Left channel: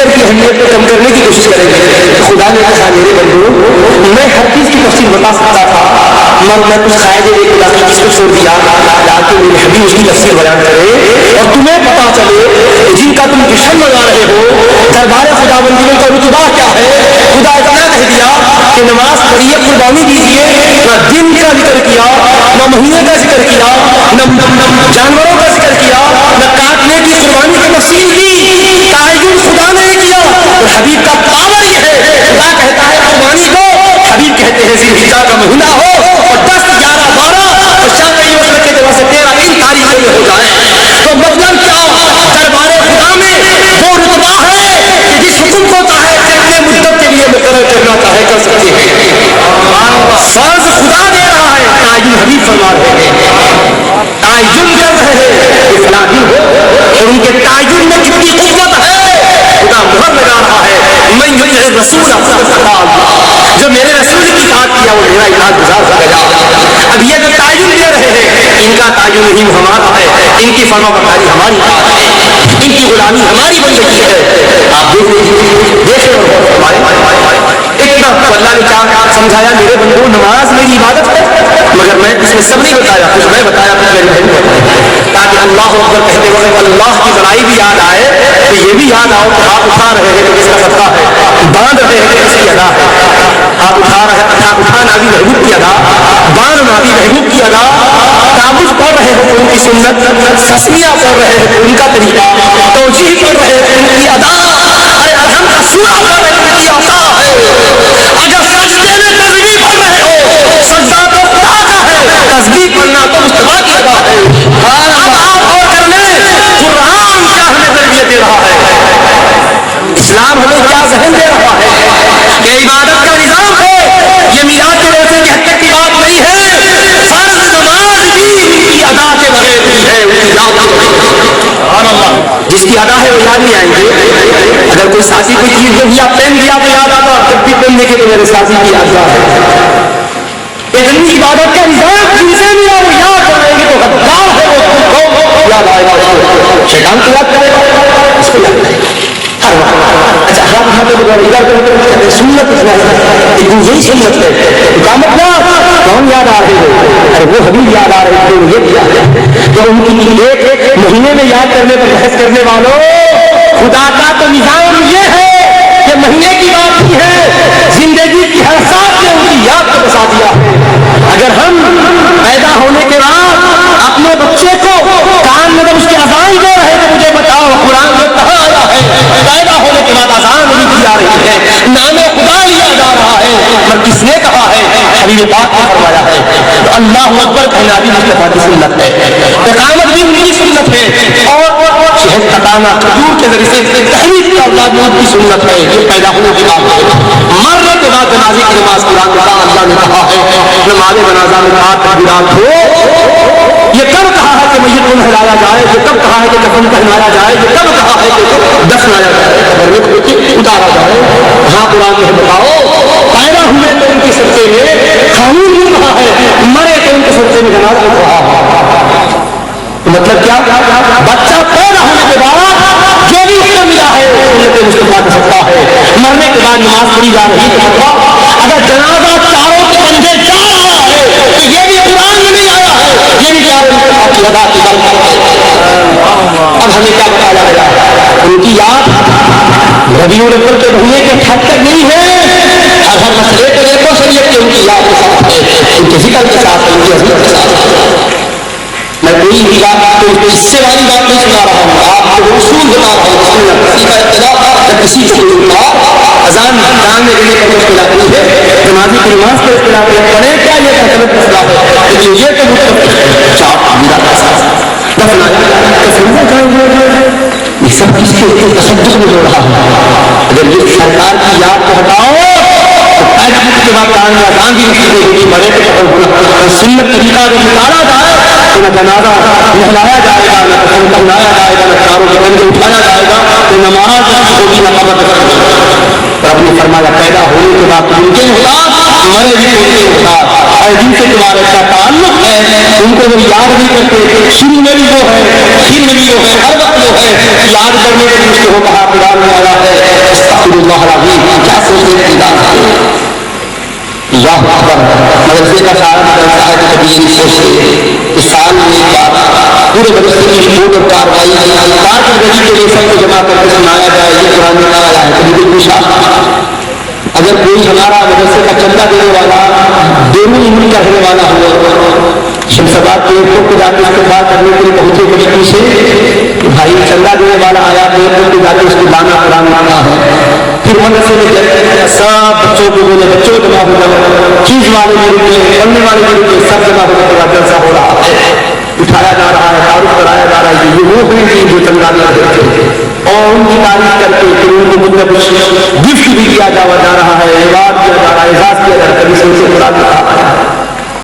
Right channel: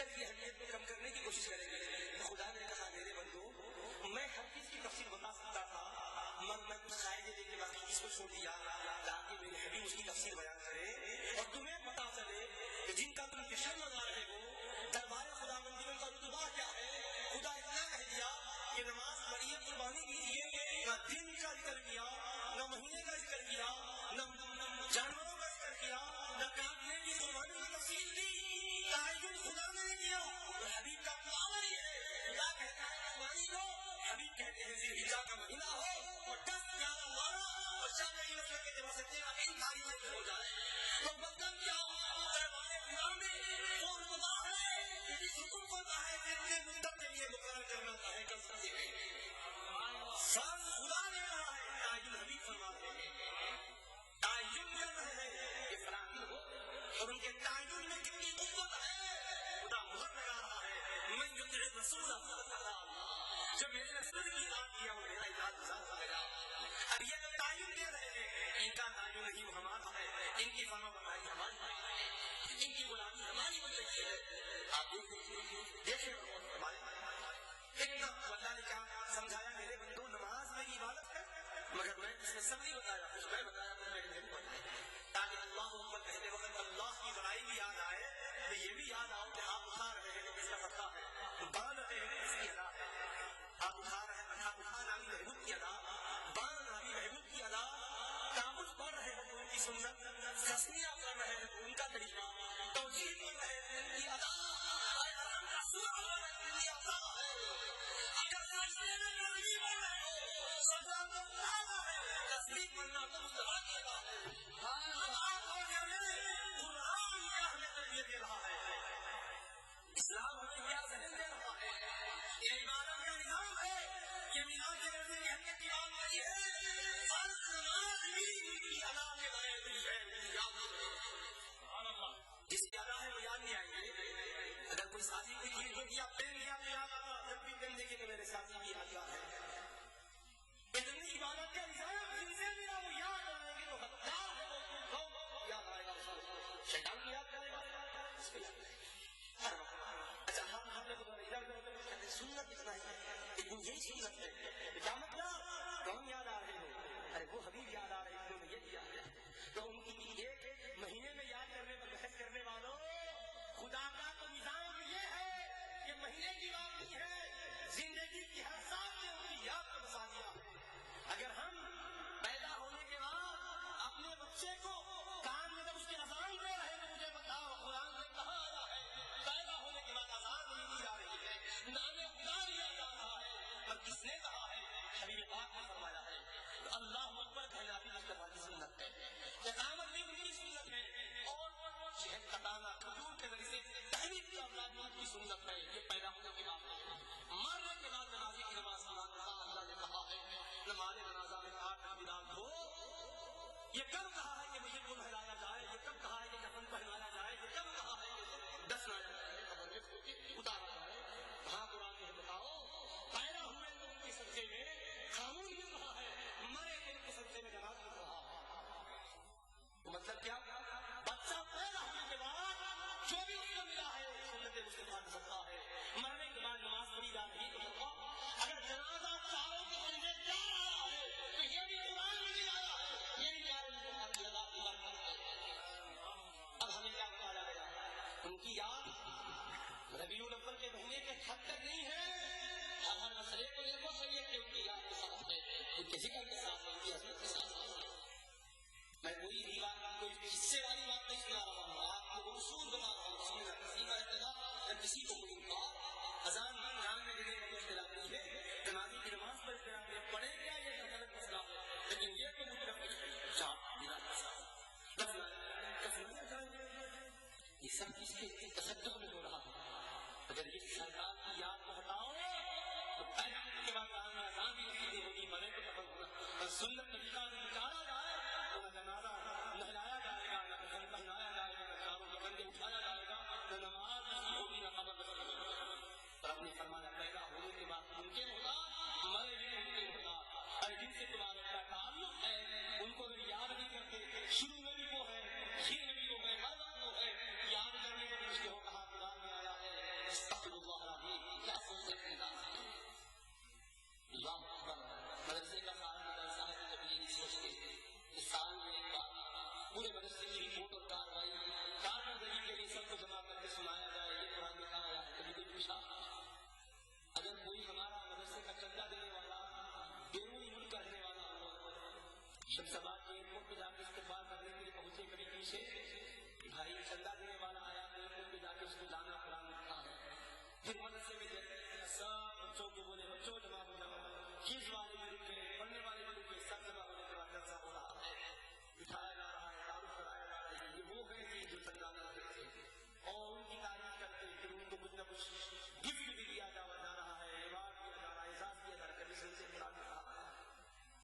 ذکر کی اہمیت کو کم کرنے کی کوشش کریں گے. خدا نے کہا میرے بندو میں ہر چیز کی تفصیل بتا سکتا تھا مگر میں کچھ قاعدے ایک علاقے جس کو چھوڑ دیا تاکہ میرے حبیب اس کی تفصیل بیان کرے اور تمہیں پتا چلے جن کا تم جشن منا رہے ہو دربار خدا بندی کا رتبہ کیا ہے. خدا اتنا کہہ دیا کہ نماز پڑھیے قربانی دیجیے, نہ دن کا ذکر کیا نہ مہینے کا ذکر کیا نہ جانوروں کا ذکر کیا نہ کاٹنے کی قربانی کی تفصیل کی. تعین خدا نے کیا اور حبیب کا پاور یہ ہے خدا کہتا ہے قربانی دو, حبیب کہتے ہیں ذوالحجہ کا مہینہ ہو اور 10 11 12 اور شافعی مسلک کے طرف سے 13 ان تاریخوں میں ہو جائے تو مطلب کیا دربار خدا میں وہ رتبہ ہے کہ جس حکم کو چاہے کتنے مدت کے لیے مقرر کرنا چاہے کر سکتے ہیں. فرض خدا دے رہا ہے, تعین حبیب فرما رہے ہیں, تعین کر رہے ہیں کہ فلاں دن ہو اور ان کے تعین میں کتنی قوت ہے خدا مہر لگا رہا ہے. میں یطع الرسول فقد اطاع اللہ, جو میرے رسول کی اطاعت کیا وہ میرا اطاعت گزار ہو گیا. اب یہ جو تعین دے رہے ہیں ان کا تعین نہیں ہمارا ہے, ان کی فرما برداری ہماری ہے, ان کی غلامی ہماری بندگی ہے. آپ دیکھیں اتنا تو اللہ نے کیا سمجھایا میرے بندو نماز میری عبادت ہے مگر میں اس میں سب نہیں بتایا, کچھ میں بتایا کچھ میری بہن بتایا تاکہ اللہ اکبر کہتے وقت اللہ کی بڑائی بھی یاد آئے تو یہ بھی یاد آؤ کہ آپ اٹھا رہے ہیں تو کس کا صدقہ ہے, باندھ رہے ہیں کہ کس کی ادا ہے. آپ اٹھا رہے ہیں اٹھانا بھی محبوب کی ادا, باندھنا بھی محبوب کی ادا, تعبد پڑھ رہے ہیں ان کی سنت, تسمیہ پڑھ رہے ہیں ان کا طریقہ, توجیہ پڑھ رہے ہیں ان کی ادا, ارے الحمد کا سورہ پڑھ رہے ہیں ان کی عطا ہے. اگر سجدے میں تسبیح پڑھ رہے ہو سجدہ تو خدا کا ہے, تسبیح پڑھنا تو مصطفیٰ کی ادا ہے. اب آپ اور کر لیں قرآن کیا ہمیں تربیت دے رہا ہے, اسلام ہمیں کیا ذہن دے رہا ہے کہ عبادت کا نظام ہے. یہ میلاد کے روزے کی حد تک کی بات نہیں ہے, فرض نماز بھی ان کی ادا کے بغیر بھی ہے, ان کی یاد جس کی ادا ہے وہ یاد نہیں آئیں گے. اگر کوئی ساتھی کوئی چیز جو یا پین دیا تو یاد آتا, جب بھی پین دیکھے تو میرے ساتھی کی یاد ہے. اتنی عبادت کا نظام جن سے بھی وہ یاد کریں گے تو غدار ہے وہ یاد آئے گا, شیطان کو یاد کرے گا اس کو یاد کرے گا ہر وقت. اچھا ہاتھ اٹھاتے ادھر سنت یہی سنت ہے اقامت نہ کون یاد آ رہے ہو, ارے وہ حبیب یاد آ رہے ہیں یہ کیا ہے تو ان کی ایک مہینے میں یاد کرنے پر بحث کرنے والوں خدا کا تو نظام یہ ہے کہ مہینے کی بات نہیں ہے, زندگی کی ہر ساتھ نے ان کی یاد کو بسا دیا ہے. اگر ہم پیدا ہونے کے بعد اپنے بچے کو کان میں اس کی اذان دے رہے تو مجھے بتاؤ قرآن میں کہاں آیا ہے پیدا ہونے کے بعد اذان نہیں دی جا رہی ہے, نام خدا لیا جا رہا ہے, پر کس نے کہا ہے حبیب پاک نے فرمایا ہے. تو اللہ اکبر کہنا بھی مصطفیٰ کی سنت ہے, اقامت بھی ان کی سنت ہے, اور شہد پکانا کھجور کے ذریعے سے تحریک کا اولاد کی سنت ہے. یہ پیدا ہونے کے بعد مرنے کے بعد جنازے کی نماز قرآن میں اللہ نے کہا ہے نماز جنازہ میں کہا تکبیرات ہو. یہ کب کہا ہے کہ میت کو نہلایا جائے, یہ کب کہا ہے کہ کفن پہنایا جائے, یہ کب کہا ہے کہ دفنایا جائے, قبر میں اتارا جائے. ہاں قرآن میں بتاؤ پیدا ہوئے تو ان کے سرچے میں قانون نہیں کہا ہے, مرے تو ان کے سرچے میں جنازہ نہیں کہا ہے. مطلب کیا بچہ پیدا ہونے کے بعد جو بھی اس کو ملا ہے سنت مصطفیٰ کا صدقہ ہے, مرنے کے بعد نماز پڑھی جا رہی ہے. اگر جنازہ چاروں کے بندے جا رہا ہے تو یہ بھی قرآن میں نہیں آیا ہے, یہ بھی چاروں کی ادا کی بات ہے. اب ہمیں کیا بتایا گیا ان کی یاد ربیع الاول کے مہینے کے حد تک نہیں ہے, ہر مسئلے کو دیکھو شریعت کی ان کی یاد کے ساتھ ہے, ان کے ذکر کے ساتھ, ان کی عظمت کے ساتھ. میں کوئی بھی بات کوئی حصے والی بات نہیں سنا رہا ہوں, آپ کو اصول بتا رہا ہوں. کسی کا ابتدا یا کسی کو اذان کان میں دینے کا اختلاف نہیں ہے, نمازی کی نماز کا اختلاف ہے, پڑھے کیا یہ غلط مسئلہ ہے, لیکن یہ تو مطلب چاپ میرا یہ سب چیز کے تصدق میں جو رہا ہے. اگر یہ سرکار کی یاد کو ہٹاؤ تو پیدا ہونے کے بعد کان میں اذان بھی نہیں ہوگی, مرے تو سنت طریقہ اگر نکالا جائے تو نہ جنازہ نہلایا جائے گا, نہ کفن پہنایا جائے گا, نہ چاروں کے بندے اٹھایا جائے گا, تو نماز ہوگی نہ قبر ہوگی. رب نے فرمایا پیدا ہونے کے بعد ممکن ہوتا, مرے بھی ممکن ہوتا, اور جن سے تمہارا کا تعلق ہے ان کو وہ یاد نہیں کرتے. شروع میں بھی وہ ہے, آخر میں بھی وہ ہے, ہر وقت وہ ہے, یاد کرنے کے لیے اس کو کہا قرآن میں آیا ہے فرشتے کی شروع اور کاروائی کارکردگی کے لیے سب کو جمع کر کے سنایا جائے، یہ قرآن میں آیا ہے۔ کبھی بالکل شاخ اگر کوئی ہمارا مدرسے کا چندہ دینے والا دونوں عمر کا رہنے والا ہو، شمساباد کے ایئرپورٹ پہ جا کے استقبال کرنے کے لیے پہنچے مشکل سے کہ بھائی چندہ دینے والا آیا، ایئرپورٹ پہ جا کے اس کو لانا قرآن لانا ہے، پھر مدرسے میں جب سب بچوں کو بولے بچوں جمع ہو جاؤ، چیز والے بھی رکے، پڑھنے والے بھی رکے، سب جمع ہونے کے بعد جلسہ ہو رہا ہے، اٹھایا جا رہا ہے، تعارف کرایا جا رہا ہے کہ یہ وہ ہیں جو چندہ دیتے تھے، اور ان کی تعریف کر کے پھر ان کو مطلب گفٹ بھی دیا جا رہا ہے، ایوارڈ دیا جا رہا ہے، اعزاز کیا جا رہا ہے، کبھی سے قرآن لکھا ہے۔